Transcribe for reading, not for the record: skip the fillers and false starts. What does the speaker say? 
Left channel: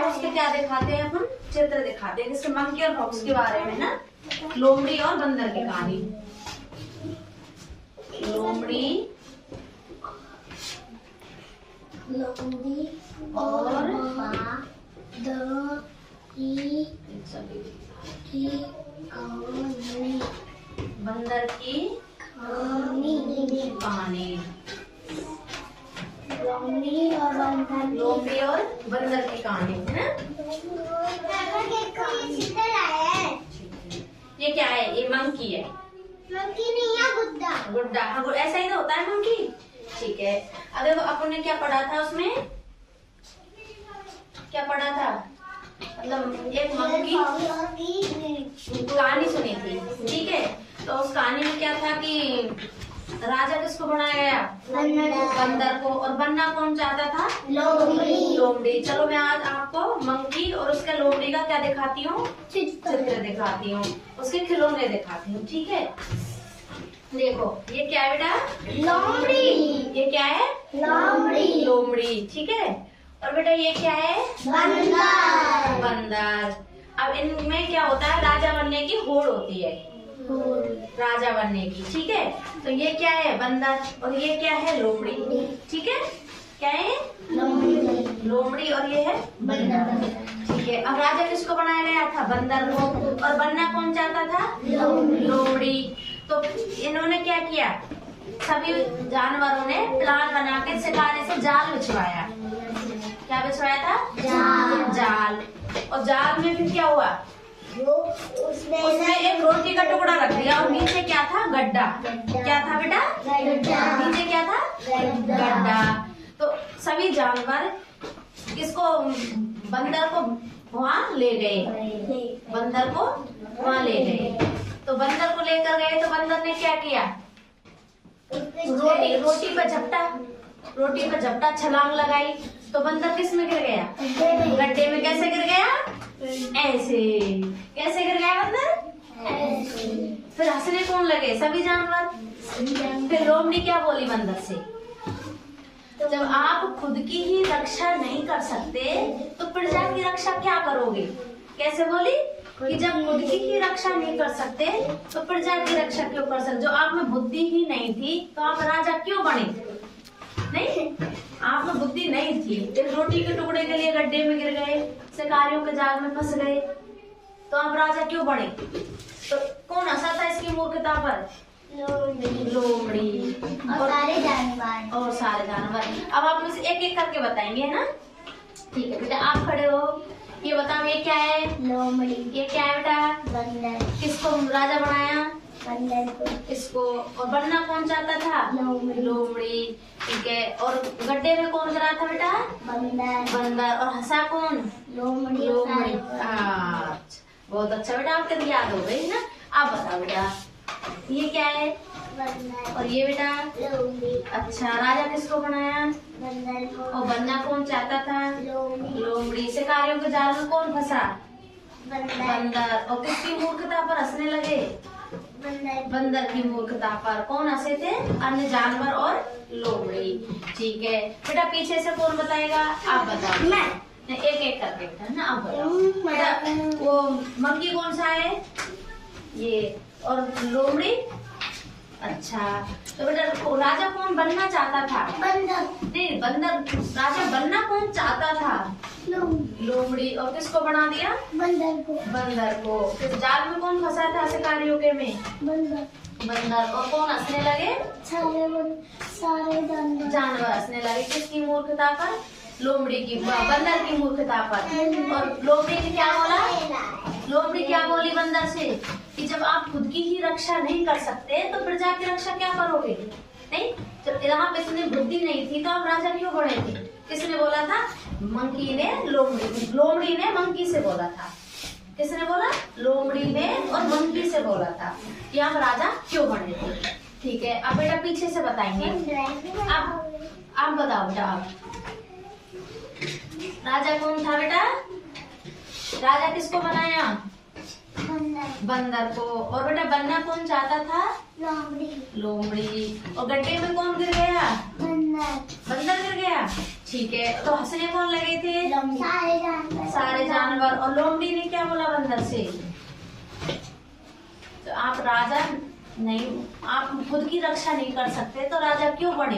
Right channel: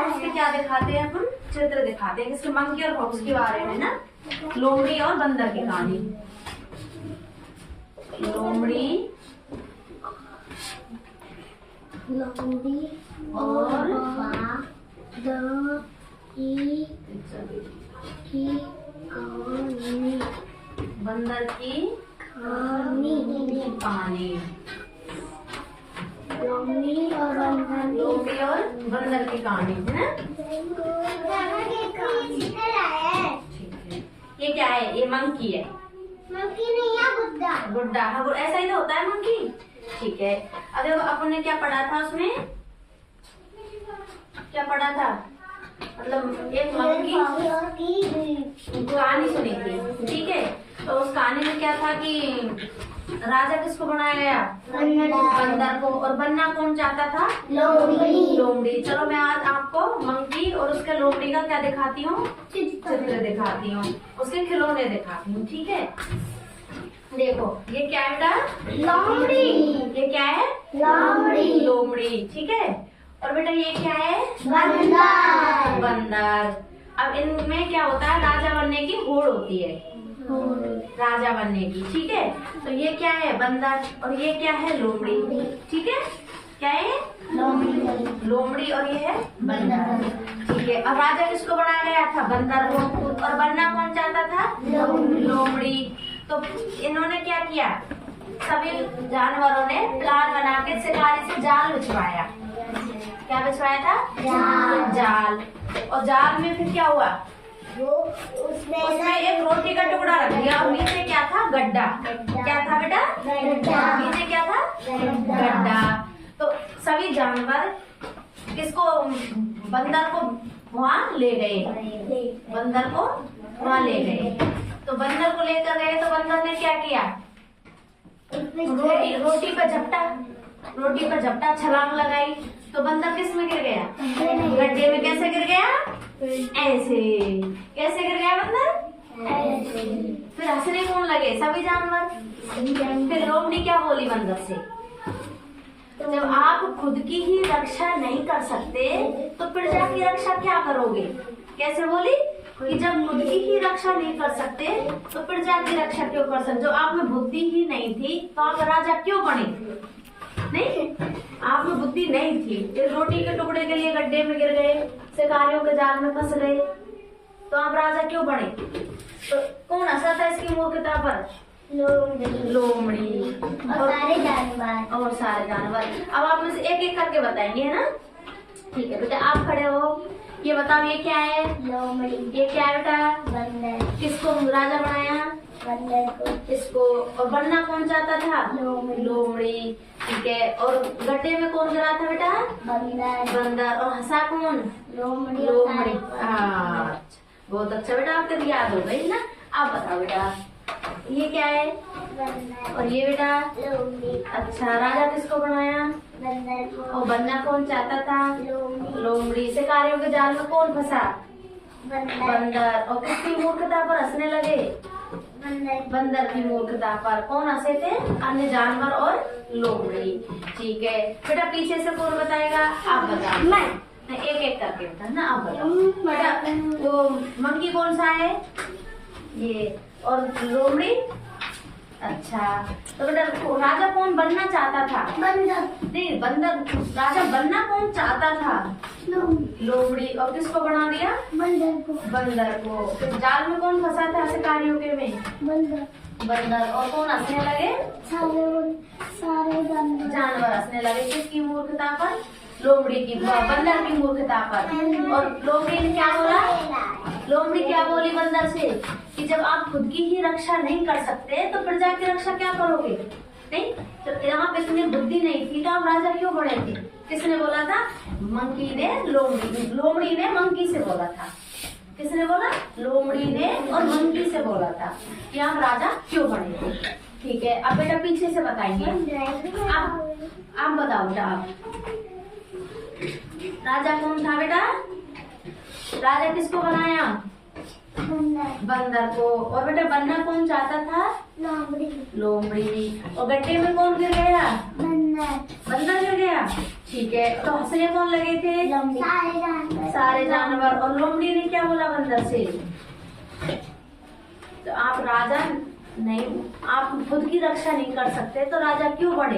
उसके क्या दिखाते हैं अपन, चित्र दिखाते हैं किसके, मंकी और फॉक्स के बारे में ना, लोमड़ी और बंदर की कहानी। लोमड़ी और बंदर की कहानी। लोमड़ी और बंदर की कहानी है ना। ये क्या है, ये मंकी है। मंकी नहीं है, गुड्डा। गुड्डा, हाँ ऐसा ही तो होता है मंकी। ठीक है, अब देखो अपन ने क्या पढ़ा था उसमें, क्या पढ़ा था, मतलब एक मंकी की कहानी सुनी थी। ठीक है, तो उस कहानी में क्या था कि राजा किसको बनाया गया, बंदर को, और बनना कौन चाहता था, लोमड़ी। चलो मैं आज आपको मंकी और उसके लोमड़ी का क्या दिखाती हूँ, चित्र दिखाती हूँ, उसके खिलौने दिखाती हूँ। ठीक है, देखो ये क्या है बेटा, लोमड़ी। ये क्या है, लोमड़ी। ठीक है, और बेटा ये क्या है, बंदर। अब इनमें क्या होता है, राजा बनने की होड़ होती है, राजा बनने की। ठीक है, तो ये क्या है, बंदर, और ये क्या है, लोमड़ी। ठीक है, क्या है, लोमड़ी, और ये है बंदर। ठीक है, अब राजा किसको बनाया गया था, बंदर को, और बनना कौन चाहता था, लोमड़ी। तो इन्होंने क्या किया, सभी जानवरों ने प्लान बना के शिकारी से जाल बिछवाया। क्या बिछवाया था, जाल। और जाल में फिर क्या हुआ, उसमें एक रोटी का टुकड़ा रख दिया, और नीचे क्या था, गड्ढा। क्या था बेटा, नीचे क्या था, गड्ढा। तो सभी जानवर किसको, बंदर को वहाँ ले गए, बंदर को वहाँ ले गए। तो बंदर को लेकर गए, तो बंदर ने क्या किया, रोटी पर झपटा छलांग लगाई। तो बंदर किस में गिर गया, गड्ढे में। कैसे गिर गया, ऐसे। कैसे गिर गया बंदर, ऐसे। फिर हंसने कौन लगे, सभी जानवर। फिर लोमड़ी क्या बोली बंदर से, जब आप खुद की ही रक्षा नहीं कर सकते तो प्रजा की रक्षा क्या करोगे। कैसे बोली कि जब खुद की ही रक्षा नहीं कर सकते तो प्रजा की रक्षा क्यों कर सकते। जो आप में बुद्धि ही नहीं थी तो आप राजा क्यों बने, नहीं, आप में बुद्धि नहीं थी। फिर रोटी के टुकड़े के लिए गड्ढे में गिर गए, शिकारियों के जाल में फंस गए, तो आप राजा क्यों बने। तो कौन हंसा था इसकी मूर्खता पर, लोमड़ी और सारे जानवर। अब आप में से एक एक करके बताएंगे, है ना। ठीक है बेटा, आप खड़े हो, ये बताओ ये क्या है, लोमड़ी। ये क्या है बेटा, बंदर। किसको राजा बनाया, बंदर को। इसको, और बनना कौन चाहता था, लोमड़ी। ठीक है, और गड्ढे में कौन गिरा था बेटा, बंदर। और हंसा कौन, लोमड़ी। बहुत अच्छा बेटा, आपके याद हो गई ना। आप बताओ बेटा ये क्या है, और ये बेटा, अच्छा, राजा किसको बनाया, बंदर को। और बनना कौन चाहता था, लोमड़ी। शिकारियों के जाल में कौन फंसा, बंदर। और किसकी मूर्खता पर हंसने लगे, बंदर की मूर्खता पर। कौन हंसे थे, अन्य जानवर और लोमड़ी। ठीक है बेटा, पीछे से कौन बताएगा, आप बताओ। मैं एक एक करके बता ना, आप बताओ बेटा। वो मंकी कौन सा है, ये, और लोमड़ी। अच्छा, तो बेटा राजा कौन बनना चाहता था, बंदर। नहीं, बंदर। राजा बनना कौन चाहता था, लोमड़ी। और किसको बना दिया, बंदर को। जाल में कौन फंसा था शिकारियों के में, बंदर। और कौन हंसने लगे, सारे जानवर हंसने लगे। किसकी मूर्खता पर, लोमड़ी की, बंदर की मूर्खता पर। और लोमड़ी ने क्या बोला, लोमड़ी क्या बोली बंदर से कि जब आप खुद की ही रक्षा नहीं कर सकते तो प्रजा की रक्षा क्या करोगे, नहीं। जब यहाँ पे इतनी बुद्धि नहीं थी तो आप राजा क्यों बने थे। किसने बोला था, मंकी ने, लोमड़ी ने मंकी से बोला था। किसने बोला, लोमड़ी ने और मंकी से बोला था कि आप राजा क्यों बने थे। ठीक है, अब बेटा पीछे से बताएंगे। आप बताओ बेटा, आप राजा कौन था बेटा, राजा किसको बनाया, बंदर को। और बेटा बनना कौन चाहता था, लोमड़ी। और गड्ढे में कौन गिर गया, बंदर गिर गया। ठीक है, तो हंसने कौन लगे थे? सारे जानवर। और लोमड़ी ने क्या बोला बंदर से? तो आप राजा नहीं, आप खुद की रक्षा नहीं कर सकते तो राजा क्यों बने?